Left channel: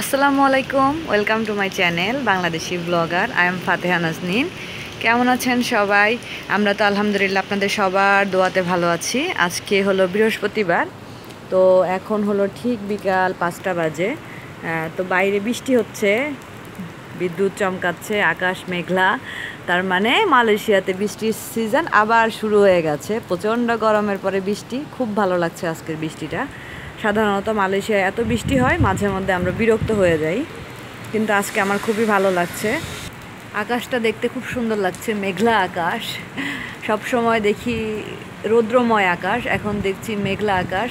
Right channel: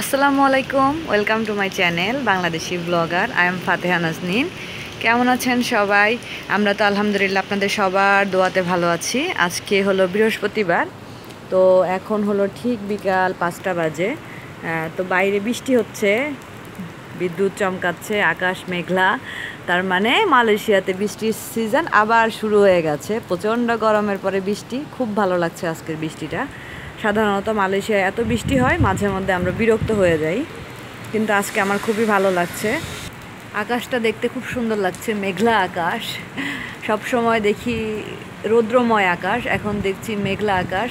আসসালামু আলাইকুম, welcome to my channel Bangladeshi blogger. I am Fateha Naznin. কেমন আছেন সবাই? আমরা তো আলহামদুলিল্লাহ আপনাদের সবার দোয়াতে ভালো আছি। আজকে হলো বৃহস্পতিবার, তো এখন হলো ঠিক বিকাল 5টা বাজে। তো বাইরে বৃষ্টি হচ্ছে, বিদ্যুৎ চমকাচ্ছে, আকাশ মেঘলা। তার মানে মালয়েশিয়াতে বৃষ্টির সিজন আবার শুরু হয়ে গেছে। প্রচণ্ড গরমের পরে বৃষ্টি, খুব ভালো লাগছে আজকের বৃষ্টিটা। সাধারণত মালয়েশিয়ায় এত বৃষ্টি হয়, মাঝে মধ্যে আমরা বিরক্ত হয়ে যাই, কিন্তু আজকে আমার খুবই ভালো লাগছে। আকাশটা দেখতে খুব সুন্দর লাগছে, মেঘলা আকাশ। সব সময় দেখি রৌদ্রময় আকাশ, এখন দেখছি মেঘলা আকাশ।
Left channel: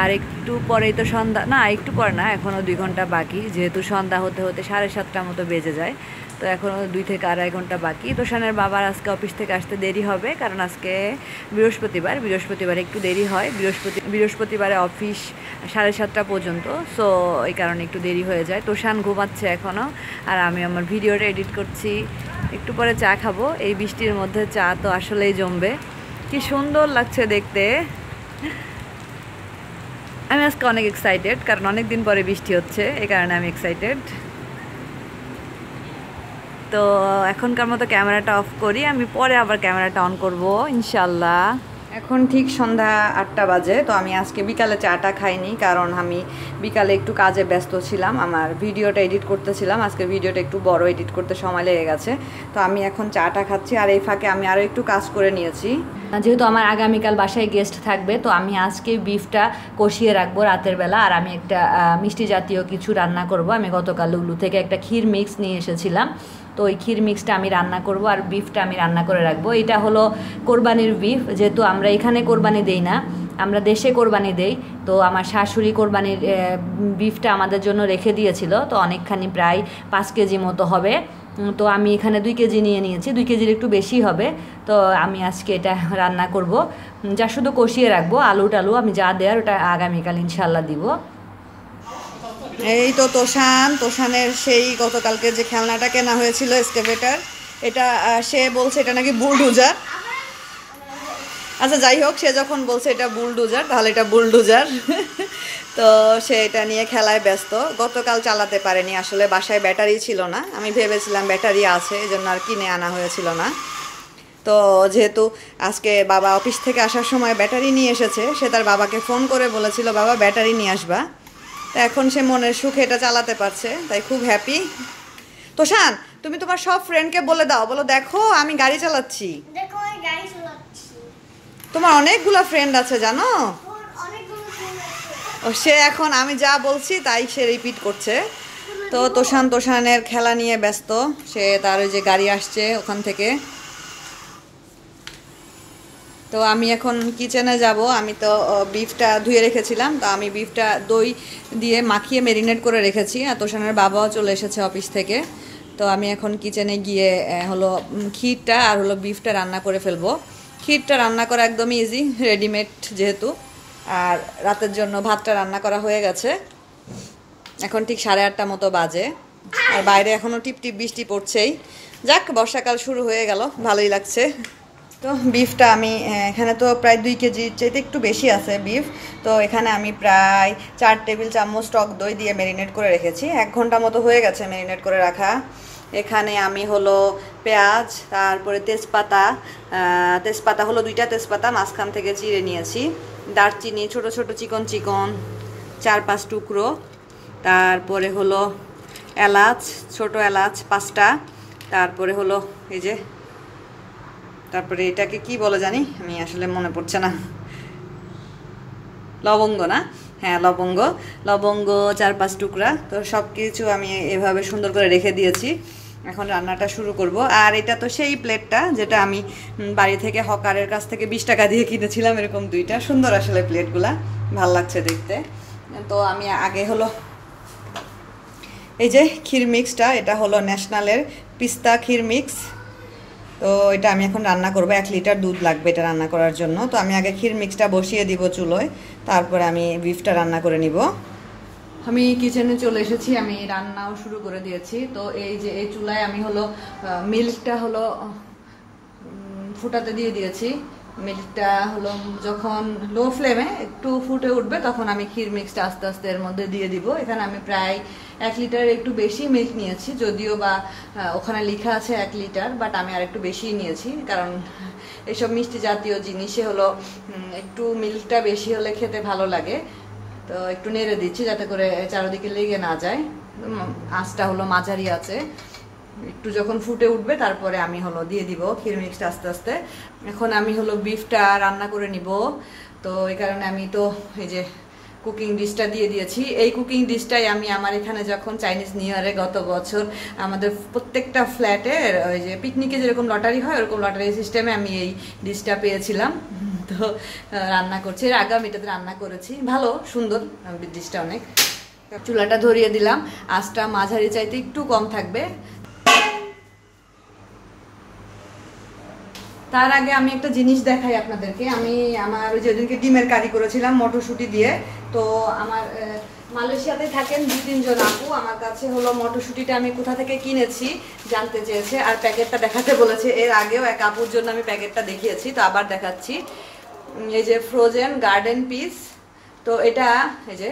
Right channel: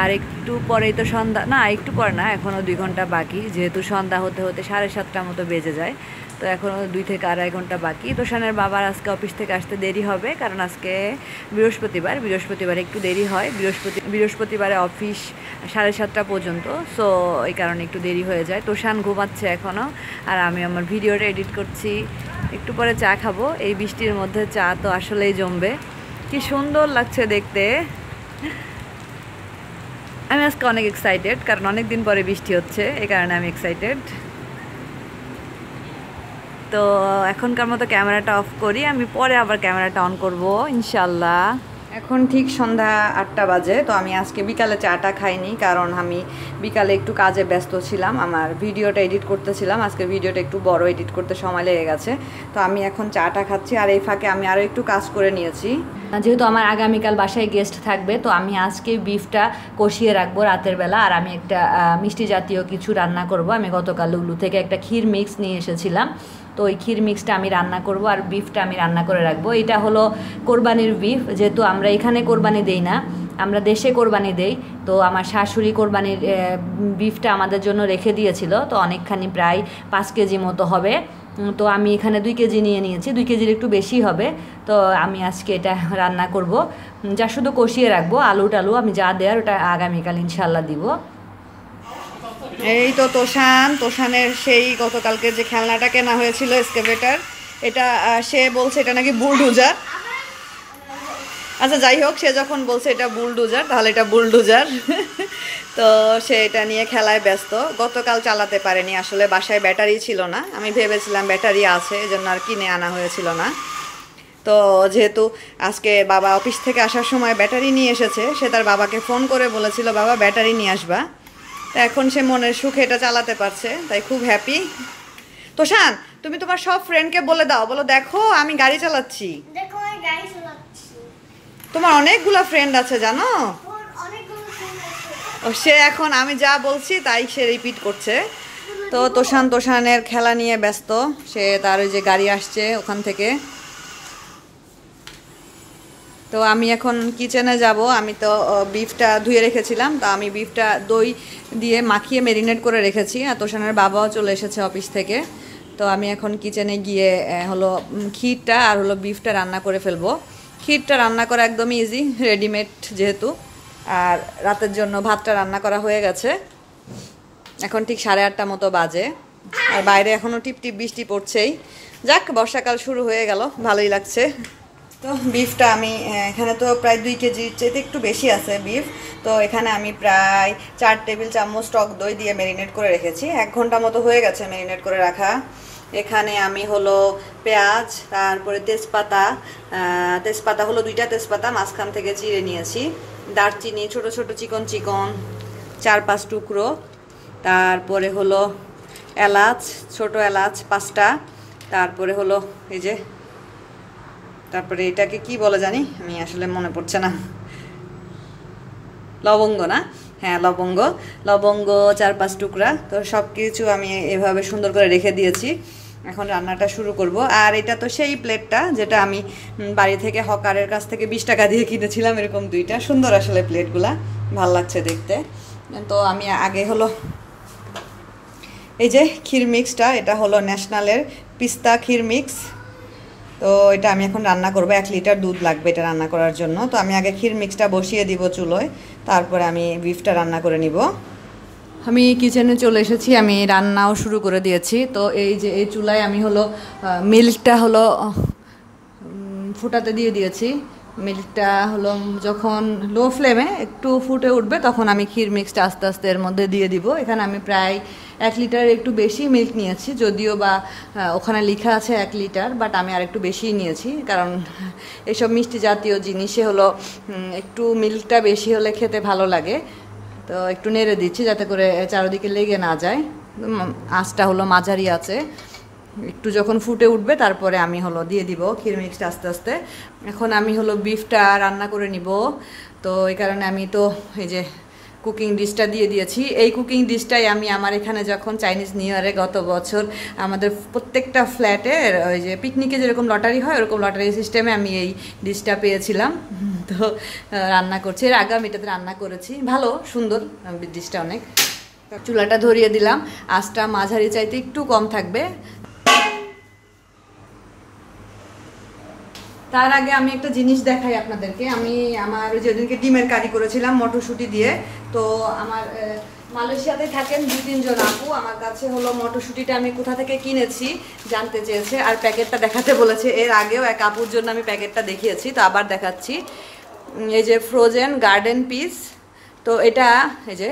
আর একটু পরেই তো সন্ধ্যা, না একটু পর না, এখনও 2 ঘন্টা বাকি, যেহেতু সন্ধ্যা হতে হতে 7:30টার মতো বেজে যায়। তো এখনও 2 থেকে আড়াই ঘন্টা বাকি। তোষানের বাবার আজকে অফিস থেকে আসতে দেরি হবে, কারণ আজকে বৃহস্পতিবার একটু দেরি হয়। বৃহস্পতিবারে অফিস 7:30টা পর্যন্ত, সো এই কারণে একটু দেরি হয়ে যায়। তোষান ঘুমাচ্ছে এখনও, আর আমি আমার ভিডিওটা এডিট করছি। একটু পরে চা খাবো। এই বৃষ্টির মধ্যে চা তো আসলেই জমবে, কি সুন্দর লাগছে দেখতে। আমি আজকে অনেক এক্সাইটেড, কারণ অনেক দিন পরে বৃষ্টি হচ্ছে, এই কারণে আমি এক্সাইটেড। তো এখনকার মতো ক্যামেরাটা অফ করি, আমি পরে আবার ক্যামেরাটা অন করব ইনশাল্লাহ। এখন ঠিক সন্ধ্যা 8টা বাজে। তো আমি আজকে বিকালে চাটা খাইনি, কারণ আমি বিকালে একটু কাজে ব্যস্ত ছিলাম, আমার ভিডিওটা এডিট করতেছিলাম। আজকে ভিডিওটা একটু বড়, এডিট করতে সময় লেগে গেছে। তো আমি এখন চাটা খাচ্ছি, আর এই ফাঁকে আমি আরও একটু কাজ করে নিয়েছি। যেহেতু আমার আগামীকাল বাসায় গেস্ট থাকবে, তো আমি আজকে বিফটা কষিয়ে রাখবো রাতের বেলা। আর আমি একটা মিষ্টি জাতীয় কিছু রান্না করব। আমি গতকাল লুলু থেকে একটা ক্ষীর মিক্স নিয়ে এসেছিলাম, তো ওই ক্ষীর মিক্সটা আমি রান্না করব, আর বিফটা আমি রান্না করে রাখবো। এটা হলো কোরবানির বিফ, যেহেতু আমরা এখানে কোরবানি দেই না, আমরা দেশে কোরবানি দেই। তো আমার শাশুড়ি কোরবানির বিফটা আমাদের জন্য রেখে দিয়েছিল, তো অনেকখানি প্রায় 5 কেজি মতো হবে। তো আমি এখানে 2 কেজি নিয়ে নিয়েছি, 2 কেজির একটু বেশি হবে। তো আমি আজকে এটা রান্না করব, যা শুধু কষিয়ে রাখবো। আলু টালু আমি যা দেওয়ার ওটা আগামীকাল ইনশাল্লাহ দিব। এই তো তোষানের সেই গতকালকে যে খেলনাটা কেনা হয়েছিল এক্সকেভেটর, এটা সে বলছে এটা নাকি বুলডোজার। আচ্ছা যাই হোক, সে যখন বলছে এটা বুলডোজার, তাহলে এটা বুলডোজার। তো সে এটা নিয়ে খেলায় ব্যস্ত। গতকাল চালাতে পারেনি, আসলে বাসায় ব্যাটারি ছিল না। আমি ভেবেছিলাম ব্যাটারি আছে, এজন্য আর কিনে আনা হয়েছিল না। তো যেহেতু আজকে বাবা অফিস থেকে আসার সময় ব্যাটারি নিয়ে এসেছে, সে তার বাবাকে ফোন করে বলেছিল বাবা ব্যাটারি নিয়ে আসবা। তো এখন সে মনের সুখে এটা চালাতে পারছে, তাই খুব হ্যাপি। তোষান, তুমি তোমার সব ফ্রেন্ডকে বলে দাও, বলো দেখো আমি গাড়ি চালাচ্ছি। তোমার অনেকগুলো ফ্রেন্ড আছে জানো। ও সে এখন আমি যা বলছি তাই সে রিপিট করছে। তো তোষানের খেলা নিয়ে ব্যস্ত, সে তার ওই যে গাড়ি আসছে ওখান থেকে। তো আমি এখন কিচেনে যাব। আমি তো বিফটা ধুয়ে রেখেছিলাম, তো আমি বিফটা দই দিয়ে মাখিয়ে ম্যারিনেট করে রেখেছি। আর তোষানের বাবাও চলে এসেছে অফিস থেকে। তো আমি এখন কিচেনে গিয়ে হলো ক্ষীরটা আর হলো বিফটা রান্না করে ফেলবো। ক্ষীরটা রান্না করা একদমই ইজি, রেডিমেড যেহেতু। আর রাতের জন্য ভাতটা রান্না করা হয়ে গেছে। এখন ঠিক 8:30 মতো বাজে, আর বাইরে এখনও টিপ টিপ বৃষ্টি পড়ছেই। যাক, বর্ষাকাল শুরু হয়ে গেল, ভালোই লাগছে। তো বিফটা আমি এখানে তো প্রায় 2 কেজির চাইতে একটু বেশি আছে বিফ। তো এখানে আমি প্রায় 4 টেবিল চামচ টক দই দিয়ে ম্যারিনেট করে রেখেছি। 1 ঘন্টা মতো হয়ে গেছে ম্যারিনেট করে রাখা। এখানে আমি হলো পেঁয়াজ, তারপরে তেজপাতা হলো 2টা তেজপাতা মাঝখান থেকে চিড়ে নিয়েছি। দারচিনি ছোট ছোট চিকন 4-5 টুকরো। তারপরে হলো এলাচ, ছোট এলাচ 5টা। তারপরে হলো এই যে, তারপরে এটাকে কি বলে জানি আমি, আসলে মনে পড়ছে না। লবঙ্গ না, হ্যাঁ লবঙ্গ 4-5 টুকরা। তো সব কিছু আমি এভাবে সুন্দর করে রেখে দিয়েছি। এখন রান্নাটা শুরু করব। আর এটা তো সেই প্লেটটা যেটা আমি বাড়ি থেকে হকারের কাছ থেকে 20 টাকা দিয়ে কিনেছিলাম, এরকম 2টা সুন্দর আসলে প্লেটগুলা, ভাল লাগছে দেখতে। তো আমি আগে হলো এই যে ক্ষীর মিক্সটা, এটা হলো ন্যাশনালের পিস্তা ক্ষীর মিক্স। তো এটা আমি এখন রান্না করব। 1 লিটার দুধ লাগবে এটা রান্না করার জন্য। তো আমি আগে ক্ষীর মিক্সটা বসিয়ে দিব চুলোয়, তারপরে আমি বিফটা রান্না করে নিব। আমি কিচেনে চলে এসেছি, আমি রান্নাও শুরু করে দিয়েছি। তো এই যে এই চুলায় আমি হলো মিল্কটা হলো ফুটাতে দিয়ে দিয়েছি। মিল্কটা হলো যখন লো ফ্লেমে একটু ফুটে উঠবে তখন আমি ক্ষীর মিক্সটা আস্তে আস্তে এর মধ্যে দিয়ে দিব। এখানে আমি প্রায় 1 লিটারের একটু বেশি মিল্ক নিয়েছি, যদিও বা ওখানে লেখা আছে 1 লিটার, বাট আমি আর একটু বেশিই নিয়েছি, কারণ এসব মিষ্টি জাতীয় জিনিসে হলো একটু মিল্কটা বেশি হলে খেতে ভালো লাগে। তো একটু নেড়ে দিচ্ছি যাতে করে চারিদিকে লেগে না যায়। আঁচটা হলো মাঝারি আছে। একটু যখন ফুটে উঠবে তারপরে আমি হলো দিয়ে দিব ক্ষীর মিক্সটা আস্তে আস্তে। এখন আমি হলো বিফটা রান্না করে নিব। তো এই কারণে আমি তো এই যে কুকিং ডিশটা দিয়ে দিয়েছি। এই কুকিং ডিশটাই আমি আমার এখানে যখন চাইনিজ নিউ ইয়ারে গত বছর আমাদের প্রত্যেকটা ফ্ল্যাটে ওই যে পিকনিকে যেরকম লটারি হয় ওরকম লটারি সিস্টেমে আমি এই ডিশটা পেয়েছিলাম। তো রান্না করছি, এর আগে আমি এটাতে রান্না করেছি, ভালো সুন্দর ডিশটা অনেক। চুলাটা ধরিয়ে দিলাম, আঁচটা মাঝারি চাইতে একটু কম থাকবে। তার আগে আমি একটা জিনিস দেখাই আপনাদেরকে। আমি আমার যেদিনকে ডিমের কারি করেছিলাম মটরশুঁটি দিয়ে, তো আমার মালয়েশিয়াতে থাকেন 2-3 জন আপু আমার কাছে হলো মটরশুঁটিটা আমি কোথা থেকে কিনেছি জানতে চেয়েছে, আর প্যাকেটটা দেখাতে বলেছে। এর আগেও এক আপুর জন্য আমি প্যাকেটটা দেখিয়েছি, তো আবার দেখাচ্ছি। এই যে ফ্রোজেন গার্ডেন পিস, তো এটা এই যে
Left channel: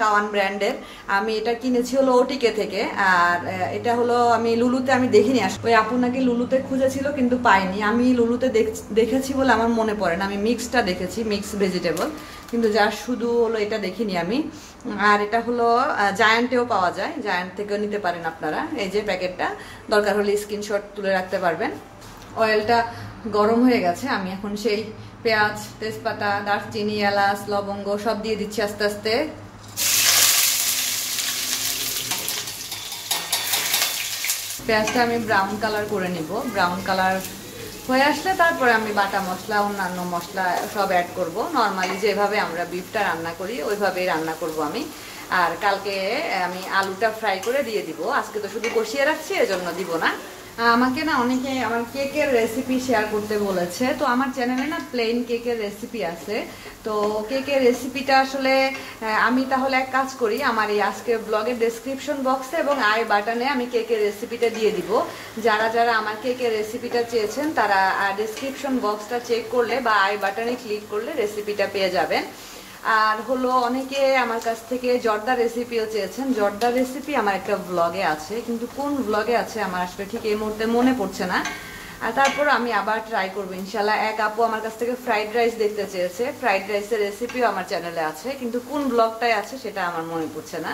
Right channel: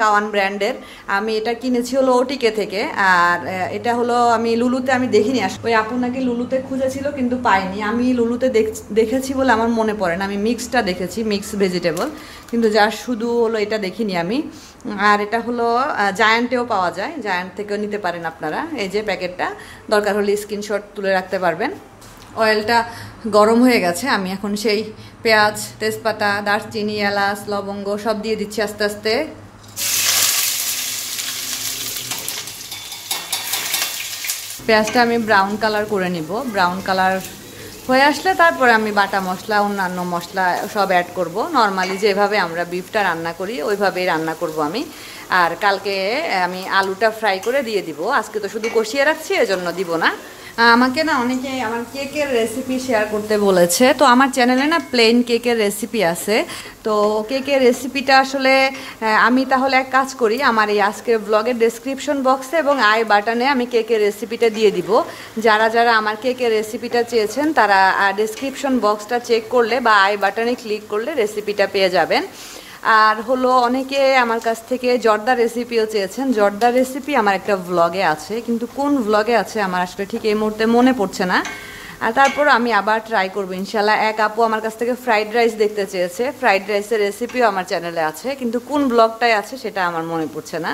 কাওয়ান ব্র্যান্ডের। আমি এটা কিনেছি হলো ওটিকে থেকে। আর এটা হলো আমি লুলুতে আমি দেখিনি, ওই আপু নাকি লুলুতে খুঁজেছিল কিন্তু পাইনি। আমি লুলুতে দেখেছি বলে আমার মনে পড়ে না, আমি মিক্সটা দেখেছি, মিক্স ভেজিটেবল, কিন্তু যার শুধু হলো এটা দেখিনি আমি। আর এটা হলো জায়ান্টেও পাওয়া যায়, জায়ান্ট থেকেও নিতে পারেন আপনারা। এই যে প্যাকেটটা, দরকার হলে স্ক্রিনশট তুলে রাখতে পারবেন। অয়েলটা গরম হয়ে গেছে, আমি এখন সেই পেঁয়াজ, তেজপাতা, দারচিনি, এলাচ, লবঙ্গ সব দিয়ে দিচ্ছি আস্তে আস্তে। পেঁয়াজটা আমি ব্রাউন কালার করে নিব। ব্রাউন কালার হয়ে আসলে তারপরে আমি বাটা মশলা, অন্যান্য মশলা সব অ্যাড করব। নর্মালি যেভাবে আমরা বিফটা রান্না করি ওইভাবেই রান্না করব আমি। আর কালকে আমি আলুটা ফ্রাই করে দিয়ে দিব, আজকে তো শুধু কষিয়ে রাখছি, এজন্য দিব না। আমাকে না অনেকে আমার কেকের রেসিপি শেয়ার করতে বলেছে, তো আমার চ্যানেলে না প্লেন কেকের রেসিপি আছে। তো কেকের রেসিপিটা আসলে আমি তাহলে এক কাজ করি, আমার এই আজকের ব্লগের ডেসক্রিপশন বক্সে এবং আই বাটনে আমি কেকের রেসিপিটা দিয়ে দিব। যারা যারা আমার কেকের রেসিপিটা চেয়েছেন তারা ডেসক্রিপশন বক্সটা চেক করলে বা আই বাটনে ক্লিক করলে রেসিপিটা পেয়ে যাবেন। আর হলো অনেকে আমার কাছ থেকে জর্দা রেসিপিও চেয়েছেন। জর্দা রেসিপি আমার একটা ভ্লগে আছে, কিন্তু কোন ভ্লগে আছে আমার আসলে ঠিক এই মুহূর্তে মনে পড়ছে না। আর তারপর আমি আবার ট্রাই করবো ইনশাল্লাহ। এক আপু আমার কাছ থেকে ফ্রাইড রাইস দেখতে চেয়েছে, ফ্রাইড রাইসের রেসিপিও আমার চ্যানেলে আছে, কিন্তু কোন ব্লগটাই আছে সেটা আমার মনে পড়ছে না।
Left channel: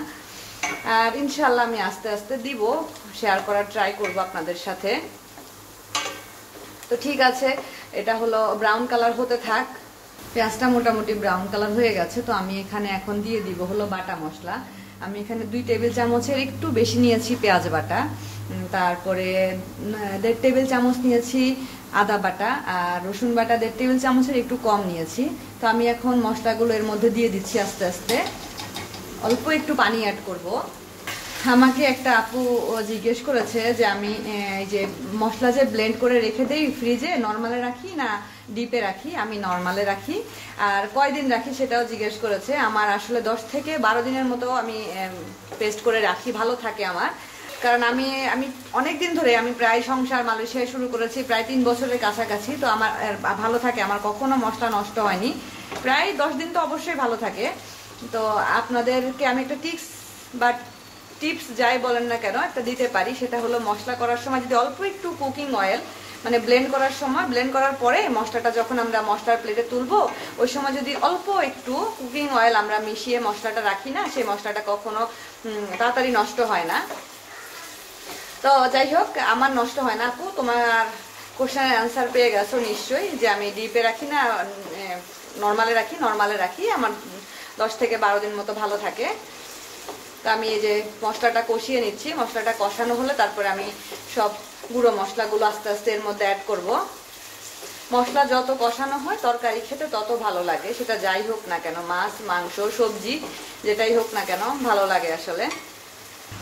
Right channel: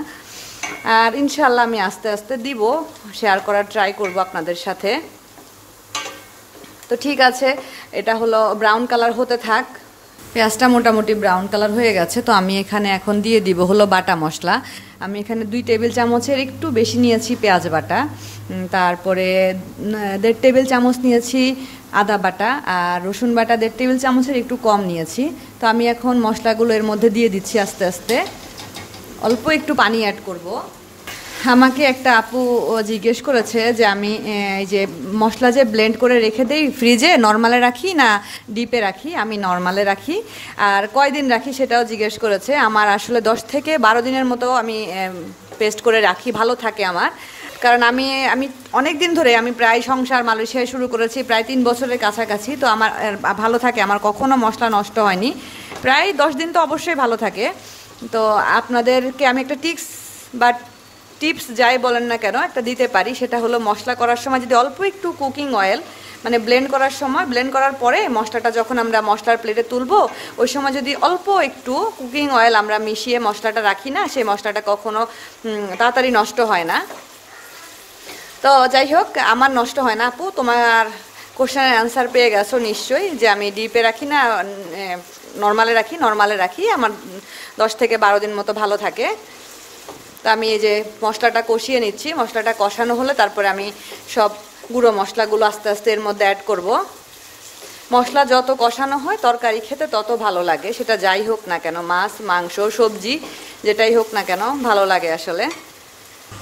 আর ইনশাল্লাহ আমি আস্তে আস্তে দিব, শেয়ার করার ট্রাই করব আপনাদের সাথে। তো ঠিক আছে, এটা হলো ব্রাউন কালার হতে থাক। পেঁয়াজটা মোটামুটি ব্রাউন কালার হয়ে গেছে, তো আমি এখানে এখন দিয়ে দিব হলো বাটা মশলা। আমি এখানে 2 টেবিল চামচের একটু বেশি নিয়েছি পেঁয়াজ বাটা, তারপরে 1.5 টেবিল চামচ নিয়েছি আদা বাটা, আর রসুন বাটা 1.5 টেবিল চামচের একটু কম নিয়েছি। তো আমি এখন মশলাগুলো এর মধ্যে দিয়ে দিচ্ছি আস্তে আস্তে, অল্প একটু পানি অ্যাড করব। আমাকে একটা আপু জিজ্ঞেস করেছে যে আমি এই যে মশলা যে ব্লেন্ড করে রেখে দিই ফ্রিজে, নর্মালে রাখি না ডিপে রাখি। আমি নর্মালে রাখি। আর কয়দিন রাখি সেটাও জিজ্ঞেস করেছে। আমার আসলে 10 থেকে 12 দিনের মতো আমি পেস্ট করে রাখি, ভালো থাকে আমার। কারণ আমি অনেক দিন ধরে আমি প্রায় সংসার মালয়েশিয়ায় শুরু করেছি, প্রায় 3 বছরের কাছাকাছি। তো আমার ভালো থাকে, আমার কখনো মশলা নষ্ট হয়নি। প্রায় 10 দিন তো অবশ্যই ভালো থাকে। তো আপনাদেরকে আমি একটা টিপস যাই বলেন না কেন একটা দিতে পারি, সেটা হলো মশলা করার সময় যদি অল্প একটু কুকিং অয়েল, মানে ব্লেন্ড করার সময়, ব্লেন্ড করার পরে মশলাটা যখন আমরা মশলার প্লেটে তুলবো ওই সময় যদি অল্প একটু কুকিং অয়েল আমরা মিশিয়ে মশলাটা রাখি না, সেই মশলাটা কখনো তাড়াতাড়ি নষ্ট হয় না। তো যাই হোক, আমার নষ্ট হয় না। আপু তোমার কোশ্চেনের অ্যান্সার পেয়ে গেছো নিশ্চয়ই, যে আমি ডিপে রাখি না নর্মালে রাখি। নর্মালে রাখি, আমার 10 থেকে 12 দিন মতো ভালো থাকে। তো আমি এই যে মশলাটা কষিয়ে নিচ্ছি, মশলাটা কষানো হলে তারপরে আমি সব গুঁড়ো মশলাগুলো আস্তে আস্তে এর মধ্যে অ্যাড করব। মশলা যত কষানো হয় তরকারি খেতে তত ভালো লাগে, সেটা যাই হোক না কেন, মাছ, মাংস, সবজি যেটাই হোক না কেন ভালো লাগে আসলে।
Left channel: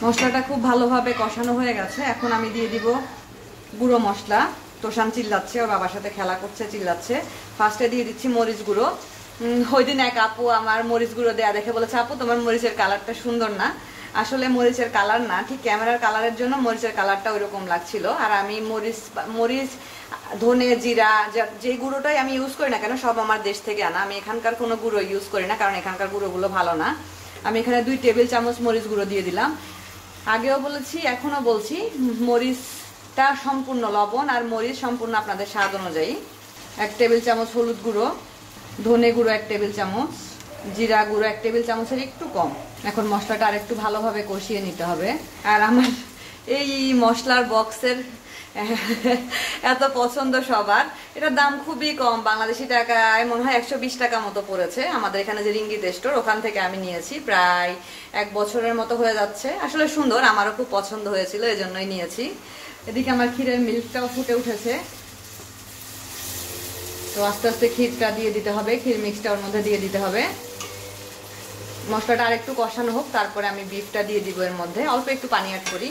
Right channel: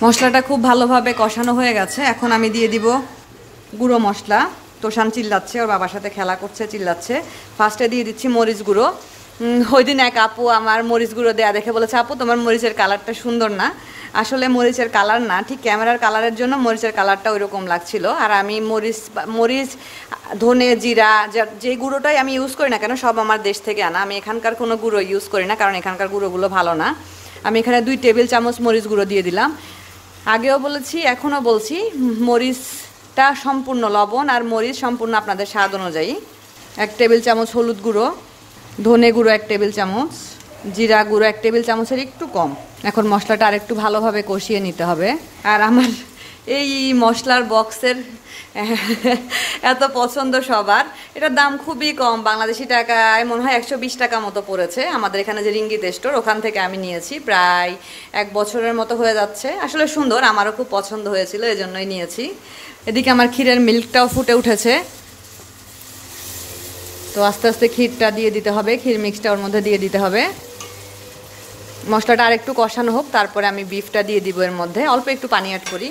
মশলাটা খুব ভালোভাবে কষানো হয়ে গেছে, এখন আমি দিয়ে দিব গুঁড়ো মশলা। তোষান চিল্লাচ্ছে, ওর বাবার সাথে খেলা করছে, চিল্লাচ্ছে। ফার্স্টে দিয়ে দিচ্ছি মরিচ গুঁড়ো। ওই দিন এক আপু আমার মরিচ গুঁড়ো দেয়া দেখে বলেছে, আপু তোমার মরিচের কালারটা সুন্দর না। আসলে মরিচের কালার না, ঠিক ক্যামেরার কালারের জন্য মরিচের কালারটা ওইরকম লাগছিল। আর আমি মরিচ ধনে জিরা যে গুঁড়োটাই আমি ইউজ করি না কেন সব আমার দেশ থেকে আনা। আমি এখানকার কোনো গুঁড়ো ইউজ করি না, কারণ এখানকার গুঁড়োগুলো ভালো না। আমি এখানে 2 টেবিল চামচ মরিচ গুঁড়ো দিয়ে দিলাম। আগেও বলেছি এখনও বলছি, মরিচটা সম্পূর্ণ লবণ আর মরিচ সম্পূর্ণ আপনাদের স্বাদ অনুযায়ী। 1 টেবিল চামচ হলুদ গুঁড়ো, ধনে গুঁড়ো 1 টেবিল চামচ, জিরা গুঁড়ো 1 টেবিল চামচের একটু কম। এখন মশলাটা আর একটু ভালোভাবে কষিয়ে নিতে হবে। আর আমার এই মশলার বক্সের এত পছন্দ সবার। এটার দাম খুবই কম, বাংলাদেশি টাকায় মনে হয় 120 টাকা মতো পড়েছে। আমাদের এখানে যে রিঙ্গিত স্টোর, ওখান থেকে আমি নিয়েছি। প্রায় 1 বছরের মতো হয়ে যাচ্ছে। আসলে সুন্দর, আমারও খুব পছন্দ হয়েছিল, এজন্যই নিয়েছি। এদিকে আমার ক্ষীরের মিল্কটাও ফুটে উঠেছে, তো আস্তে আস্তে ক্ষীরটা দিয়ে দিতে হবে, ক্ষীর মিক্সটা ওর মধ্যে দিয়ে দিতে হবে। মশলাটা আর একটু কষানো হোক, তারপরে আমি বিফটা দিয়ে দিব এর মধ্যে। অল্প একটু পানি অ্যাড করি,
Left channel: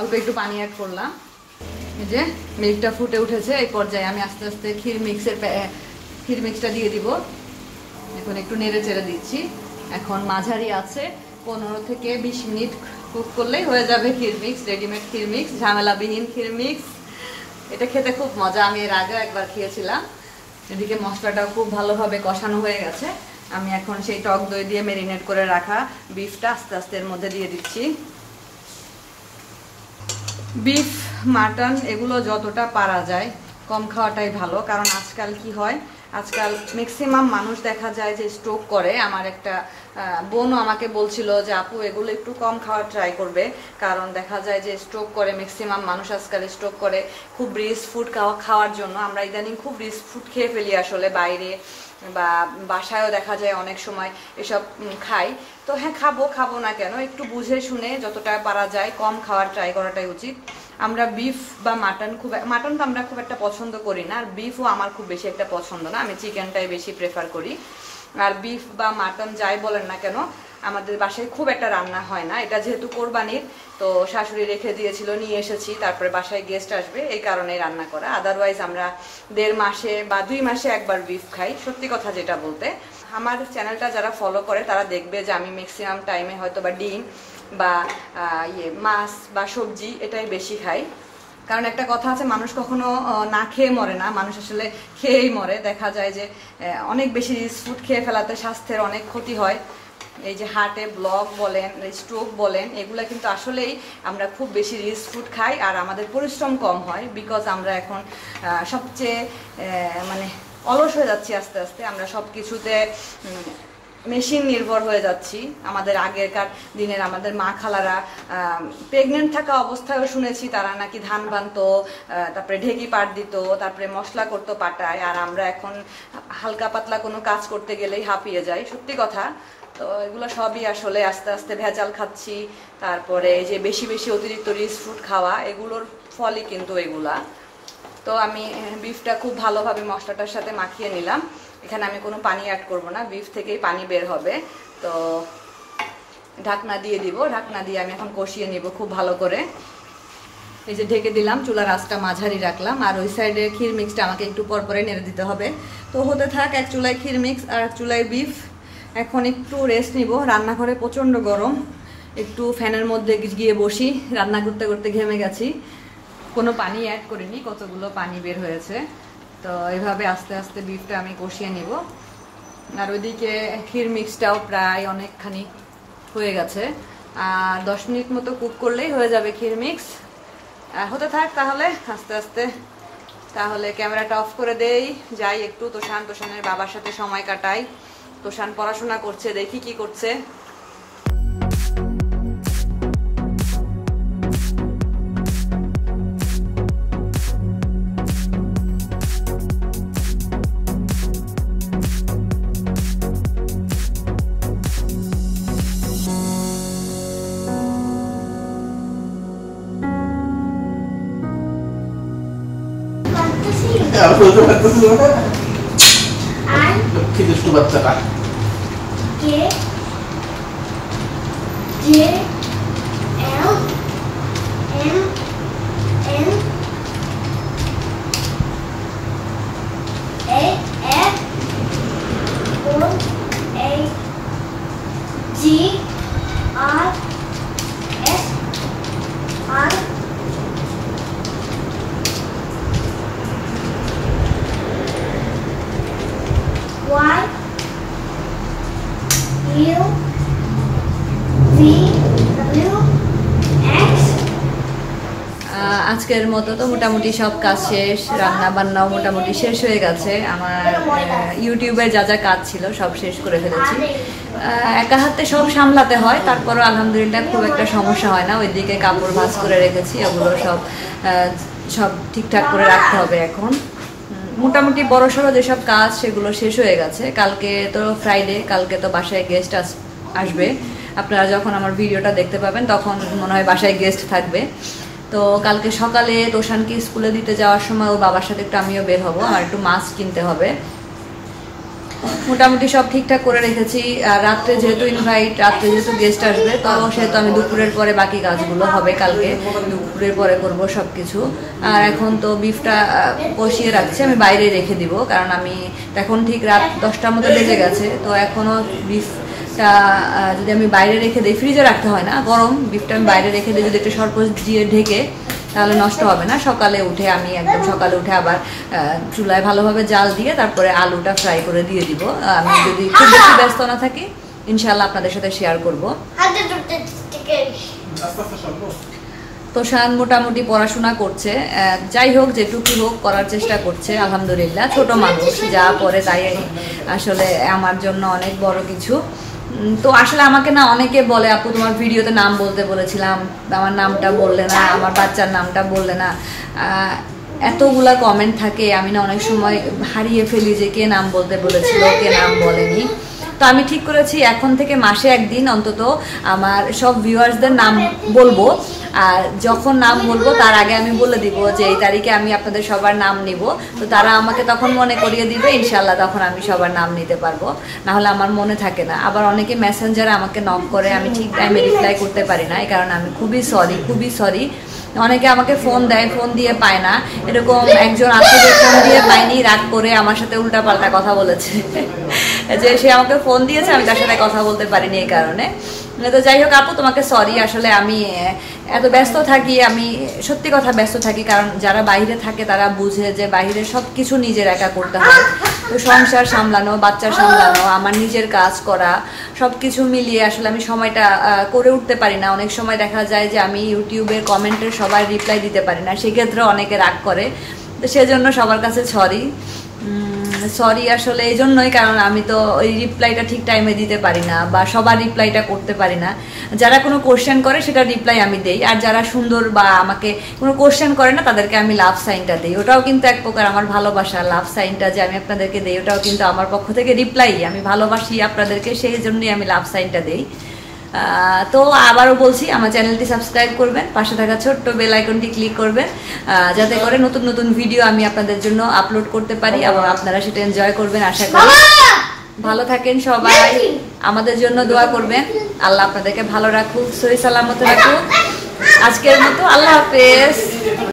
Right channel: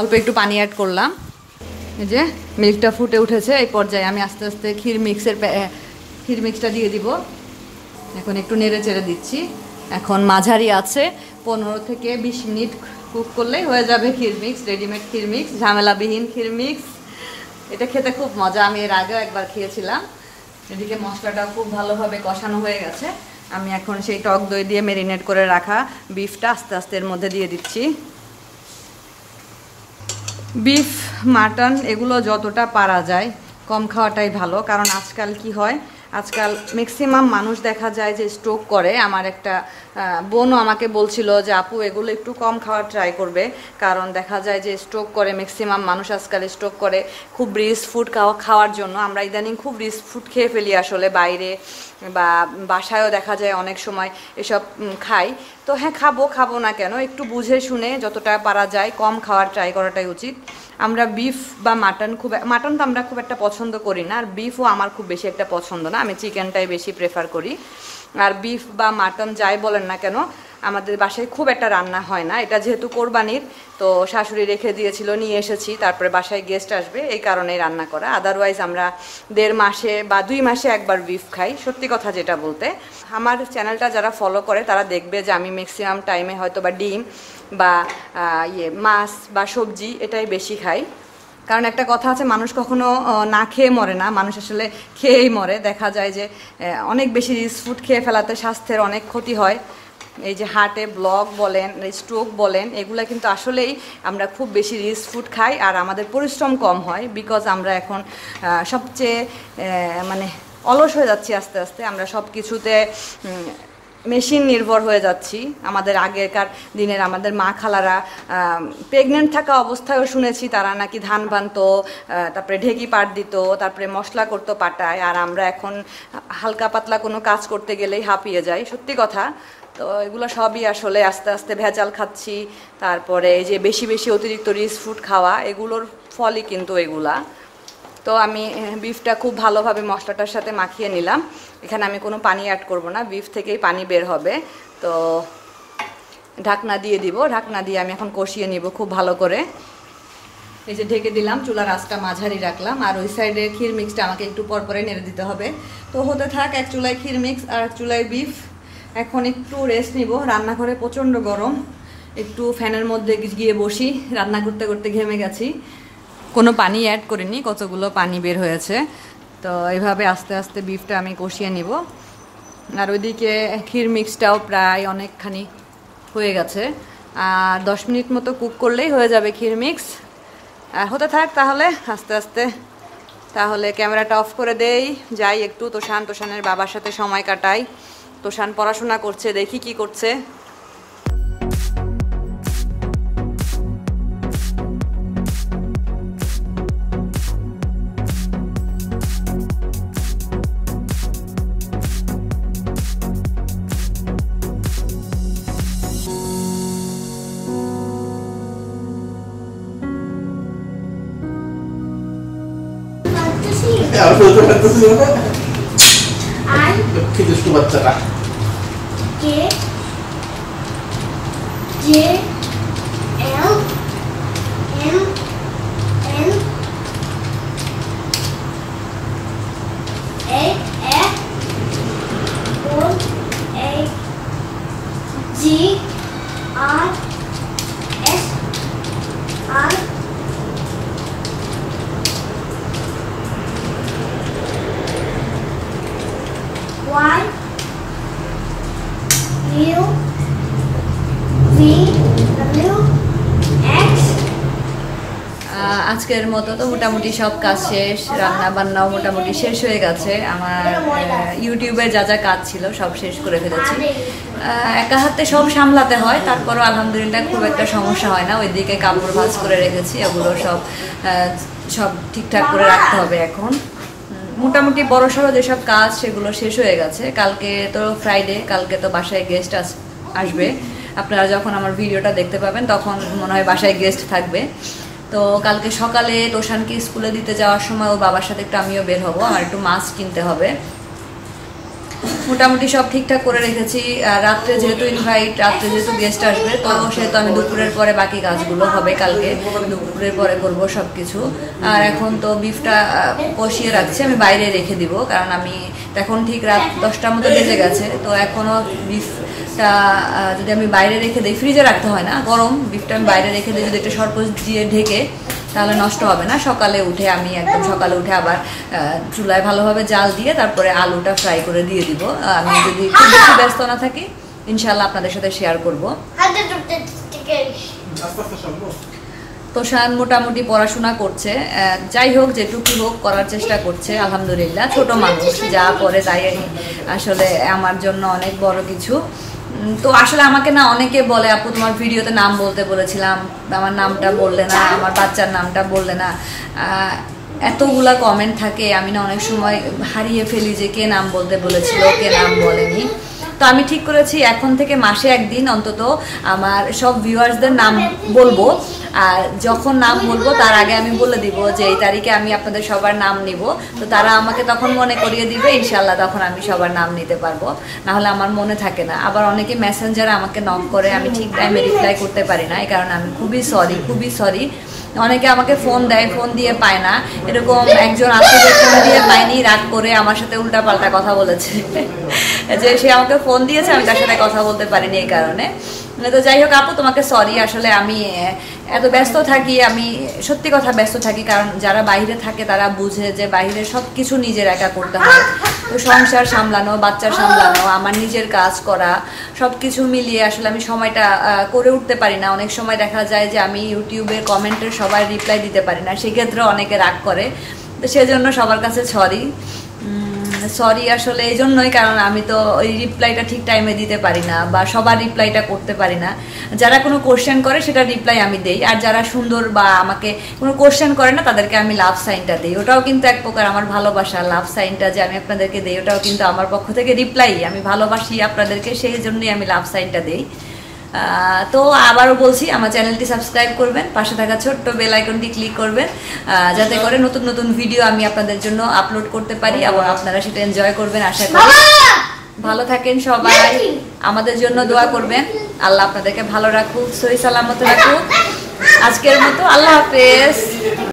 অল্প একটু পানি অ্যাড করলাম। এই যে মিল্কটা ফুটে উঠেছে, এই পর্যায়ে আমি আস্তে আস্তে ক্ষীর মিক্সটা দিয়ে দিব। এখন একটু নেড়ে চেড়ে দিচ্ছি। এখন মাঝারি আছে 15 থেকে 20 মিনিট কুক করলেই হয়ে যাবে ক্ষীর মিক্স, রেডিমেড ক্ষীর মিক্স, ঝামেলাবিহীন ক্ষীর মিক্স। এটা খেতে খুব মজা, আমি এর আগেও একবার খেয়েছিলাম। এদিকে মশলাটা খুব ভালোভাবে কষানো হয়ে গেছে। আমি এখন সেই টক দই দিয়ে ম্যারিনেট করে রাখা বিফটা আস্তে আস্তে এর মধ্যে দিয়ে দিচ্ছি। বিফ, মাটন এগুলো যতটা পারা যায় কম খাওয়াটাই ভালো, কারণ আজকাল কি হয়, আজকাল ম্যাক্সিমাম মানুষ দেখা যায় যে স্ট্রোক করে। আমার একটা বোনও আমাকে বলছিল যে আপু এগুলো একটু কম খাওয়ার ট্রাই করবে, কারণ দেখা যায় যে স্ট্রোক করে ম্যাক্সিমাম মানুষ আজকাল স্ট্রোক করে খুব রিচ ফুড খাওয়ার জন্য। আমরা ইদানিং খুব রিচ ফুড খেয়ে ফেলি আসলে, বাইরে বা বাসায়ও দেখা যায় অনেক সময় এসব খাই। তো হ্যাঁ, খাবো না কেন, একটু বুঝে শুনে যতটা পারা যায় কম খাওয়ার ট্রাই করাটাই উচিত। আমরা বিফ বা মাটন তো আমরা খুব একটা পছন্দ করি না, আর বিফও আমার খুব বেশি একটা পছন্দ না, আমি চিকেনটাই বেশি প্রেফার করি। আর বিফ বা মাটন যাই বলেন না কেন, আমাদের বাসায় খুব একটা রান্না হয় না। এটা যেহেতু কোরবানির, তো শাশুড়ি রেখে দিয়েছিল, নিয়ে এসেছি, তারপরে বাসায় গেস্ট আসবে এই কারণেই রান্না করা। আদারওয়াইজ আমরা 1.5 মাসে বা 2 মাসে একবার বিফ খাই, সত্যি কথা যেটা বলতে। আমার চ্যানেলটা যারা ফলো করে তারা দেখবে যে আমি ম্যাক্সিমাম টাইমে হয়তো বা ডিম বা মাছ বা সবজি এটাই বেশি খাই। কারণ একটা কথা আছে, মানুষ কখনো না খেয়ে মরে না, মানুষ আসলে খেয়েই মরে। দেখা যায় যে অনেক বেশি রিচ ফুড খেয়ে ফেলাতে স্বাস্থ্যের অনেক ক্ষতি হয়। এই যে হার্টে ব্লক বলেন, স্ট্রোক বলেন, এগুলো কিন্তু আসলেই আমরা খুব বেশি রিচ ফুড খাই, আর আমাদের পরিশ্রম কম হয়। বিকজ আমরা এখন সবচেয়ে মানে অলস হয়ে যাচ্ছি আস্তে আস্তে। আমরা সব কিছুতে মেশিন নির্ভর হয়ে যাচ্ছি। আমাদের আগেকার দিনের আমাদের মা খালারা প্রেগনেন্ট থাকা অবস্থায়ও শুনেছি তারা নাকি ধান বানতো, তারপরে ঢেকি পাট দিত, তারপরে মশলা করতো পাটায়। আর আমরা এখন হালকা পাতলা কোনো কাজ করতে গেলেই হাঁপিয়ে যাই, সত্যি কথা। তো এগুলো সবই আসলে আস্তে আস্তে ভেজাল খাচ্ছি। তারপরে এই যে বেশি বেশি অতিরিক্ত রিচ ফুড খাওয়া, এগুলোর ফলই কিন্তু এগুলা। তো আমি বিফটা খুব ভালোভাবে মশলাটার সাথে মাখিয়ে নিলাম। এখানে আমি কোনো পানি অ্যাড করব না, বিফ থেকেই পানি বের হবে। তো ঢাকনা দিয়ে দিব, ঢাকনা দিয়ে আমি এখন কষিয়ে নিব খুব ভালো করে। এই যে ঢেকে দিলাম, চুলার আঁচটা মাঝারি রাখলাম। আর ওই সাইডে ক্ষীর মিক্সটা আমাকে একটু পরে নেড়ে দিতে হবে। তো হতে থাক, এক চুলায় ক্ষীর মিক্স আর এক চুলায় বিফ। এখন একটু রেস্ট নিব, রান্নাঘরে প্রচণ্ড গরম, একটু ফ্যানের মধ্যে গিয়ে বসি, রান্না করতে করতে ঘেমে গেছি। কোনো পানি অ্যাড করিনি, কতগুলো পানি বের হয়েছে। তো এইভাবে আস্তে আস্তে বিফটা আমি কষিয়ে নিব। আর ওইদিকে ক্ষীর মিক্সটাও প্রায় অনেকখানি হয়ে গেছে, আর 10 মিনিট মতো কুক করলেই হয়ে যাবে ক্ষীর মিক্স। হতে থাক তাহলে আস্তে আস্তে। তাহলে ক্যামেরাটা অফ করে দেই, যাই একটু তোষানের বাবার সাথে সময় কাটাই। তোষান পড়াশোনা করছে, দেখি কি করছে। বাচ্চাটা আজকের মতো তো মোটামুটি সব কাজ শেষ, রান্না বান্নাও মোটামুটি শেষ হয়ে গেছে। আমার ইউটিউবে যা যা কাজ ছিল সব শেষ করে ফেলেছি। একা হাতে সব সামলাতে হয়, তারপরও আলহামদুলিল্লাহ খুব একটা সমস্যা হয় না। ওইদিকে কাপড় ভাঁজ করে রেখেছি, ওগুলো সব ঠিকঠাক করে রাখতে হবে এখন। মোটামুটি বড়সড় যেসব কাজ সেগুলো শেষ হয়ে গেছে। কালকে তো ফ্রাইডে, কালকে তো বাসায় গেস্ট আসবে। আপনারা যখন আমার ভিডিওটা দেখতে পাবেন তখন মনে হয় বাসায় গেস্ট থাকবে। তো কালকে সকালে তোষানকে স্কুলে দিতে যাওয়ার সময় ওর বাবার সাথে একটু আমিও বের হব, আমার একটু মাছ কিনতে হবে। মোটামুটি সব ঠিকঠাক করে রেখেছি। রাত্রে যেহেতু রাত্রে যেহেতু গেস্ট আসবে, তো সেহেতু আমি দুপুরের পরে বাকি কাজগুলো হবে, কালকে দুপুরের পরে করব সব কিছু। আর এখন তো বিফটা কষিয়ে রাখছি, আমি বাইরে রেখে দিব, কারণ আমি এখন ঠিক রাত 10টার মতো বেজে গেছে। তো এখনও বিফটা যদি আমি বাইরে রেখে দিই, ফ্রিজে রাখতে হয় না, গরম বিফটা আমি বাইরে রেখে দিই যদি একটু সরপোষ দিয়ে ঢেকে, তাহলে নষ্ট হবে না। সকালে উঠে আবার চুলায় ভালোভাবে জাল দিয়ে তারপরে আলুটা ফ্রাই করে দিয়ে দিব। আমি যদি খুব বেশি ব্যস্ত না থাকি ইনশাল্লাহ আপনাদের সাথে শেয়ার করব। তোষান মোটামুটি পড়াশোনা করছে, যাই হোক যেটুকু হোক করার চেষ্টা করছে আলহামদুলিল্লাহ। ছোট মানুষ, যা পড়ে তাই আসলে আমার জন্য অনেক বড় কিছু। তো আসলে আমাকে না অনেকে বলে, আপু তোমার ভিডিওতে নাম বলতে বলেছিলাম, আমার নামটা বললে না, আমার বাচ্চার নামটা বললে না। এতগুলা কমেন্ট থাকে, আমি না অনেক সময় হারিয়ে ফেলি যে কে নাম বলতে বলেছিল, কে নাম বলেনি। তো আমি ঠিক করেছি এখন থেকে মাসে একদিন অন্তত আমার সব ভিউয়ার্সদের নাম বলবো। আর যখন নাম বলবো তার আগে আমি বলে দিব যে এই তারিখে আমি আপনাদের সবার নাম নিব। তো তারা আমাকে তখন মনে করিয়ে দিবে, ইনশাল্লাহ তখন আমি সবার নাম নিতে পারবো, না হলে আমার মনে থাকে না। আবার অনেকে মেসেঞ্জারে আমাকে নক করে, আমি ঠিক টাইমে রিপ্লাই করতে পারি না, এই কারণে আমি খুবই সরি। অনেকে আমাকে ফোন দেয়, ফোন দিয়ে পায় না। এরকম একজন আছে যে ফোন দিয়ে পায়নি, রাগ করে আমার সাথে উল্টাপাল্টা কথা বলেছে যে সে আমাকে ফোন দিয়েছে, আমি তার সাথে কথা বলতে পারিনি এই কারণে। তো যাই হোক আপু, তোমাকে সরি। আসলে আমি এত ব্যস্ত থাকি, আমি সত্যি কথা ব্যস্ত থাকি, কারণ যারা বাইরে থাকে তারা বুঝে যে বাইরে সব কিছু নিজের একা করতে হয়। তো সংসার সামলানো, বাচ্চা সামলানো, আমার নিজের কাজ করা, সব কিছু মিলিয়ে আসলে আমি সময়টা করে উঠতে পারি না। অনেক সময় দেখা যায় যে আমি ইউটিউবের কমেন্টের সবাই রিপ্লাই দিতে পারি না, সেক্ষেত্রে অনেকে রাগ করে। তো সেজন্য সবার কাছে সরি আসলে এই জন্যই, কারণ আমি তো ওই রিপ্লাইটা ঠিক টাইমে দিতে পারি না, বা সবার রিপ্লাইটা করতে পারি না। যারা কোনো কোশ্চেন করে সেটা রিপ্লাই আমি দেই, আর যারা সুন্দর বা আমাকে কোনো কোশ্চেন করে না তাদেরকে আমি লাভ সাইনটা দিই। ওটাও কিন্তু এক প্রকার আমার ভালোবাসা। লাভ সাইনটা যে আমি আপনাদেরকে দিই, ওটাও কিন্তু আমার পক্ষ থেকে রিপ্লাই। আমি ভালোবাসি আপনাদেরকে, সেই জন্যই আমি লাভ সাইনটা দিই। তো আবারও বলছি, আমার চ্যানেলটি সাবস্ক্রাইব করবেন, পাশে থাকা ছোট্ট বেল আইকনটি ক্লিক করবেন, যাতে করে নতুন নতুন ভিডিও আমি আপনাদের জন্য আপলোড করতে পারি এবং আপনারা সেটা এনজয় করবেন আশা করি। ভালো থাকেন সবাই, আমাদের জন্য দোয়া করবেন। আল্লাহ আপনাদেরকে ভালো রাখুক, সহি সালামত রাখুক। আজকের মতো আল্লাহ হাফেজ।